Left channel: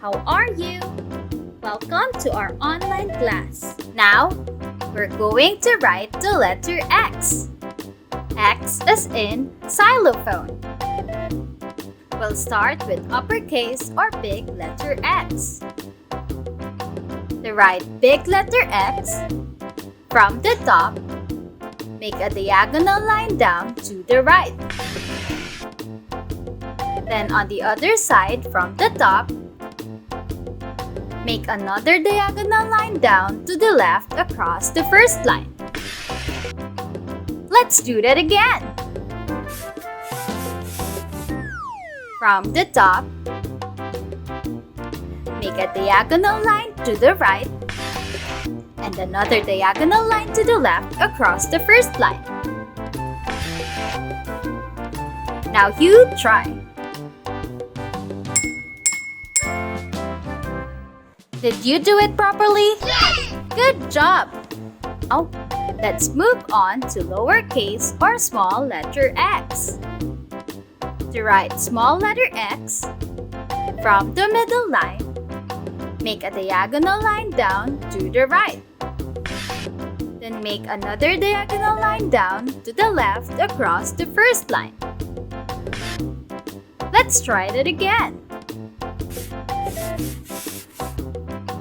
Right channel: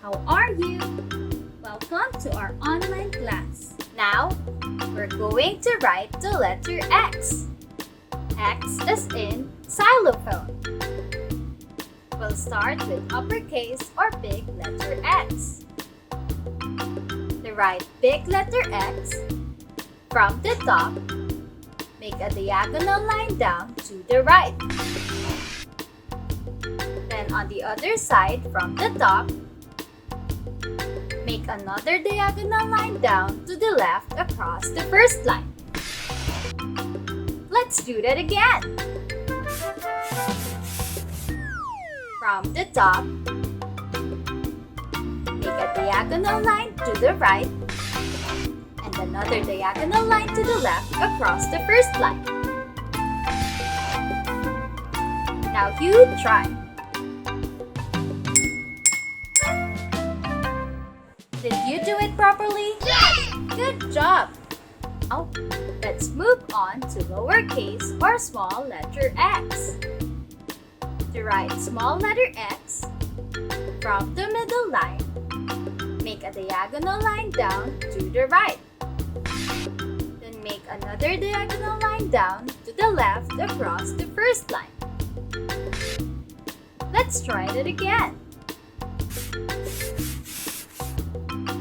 How are you? Welcome to our online class. Now, we're going to write the letter X. X is in xylophone. We'll start with uppercase or big letter X. To write big letter X, from the top, make a diagonal line down to the right. Then on the other side from the top, make another diagonal line down to the left across the first line. Let's do that again. From the top, make a diagonal line to the right and another diagonal line to the left across the first line. Now you try. Did you do it properly? Yes! Good job! Now, let's move on to lowercase or small letter x. To write small letter x, from the middle line, make a diagonal line down to the right. Then make another diagonal line down to the left across the first line. Let's try it again.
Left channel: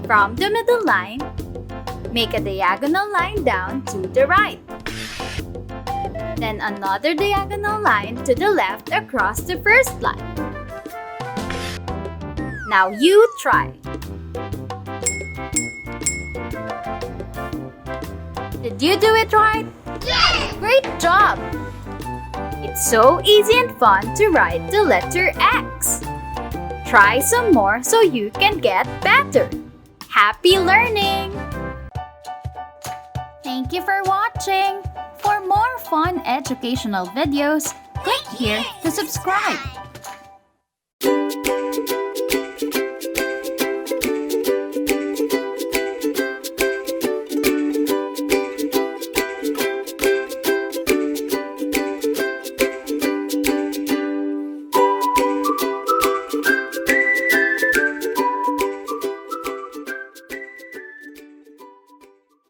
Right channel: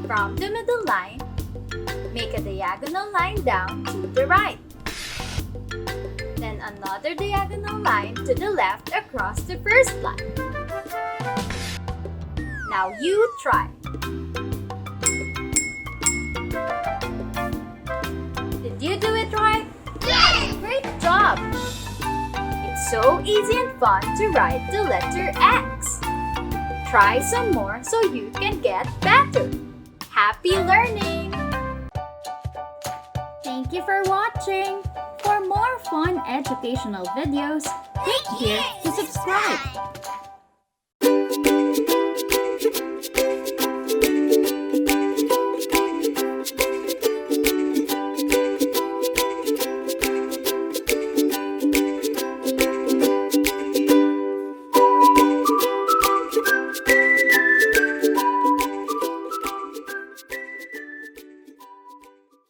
From the middle line, make a diagonal line down to the right. Then another diagonal line to the left across the first line. Now you try. Did you do it right? Yes! Great job! It's so easy and fun to write the letter X. Try some more so you can get better. Happy learning! Thank you for watching! For more fun educational videos, click here to subscribe.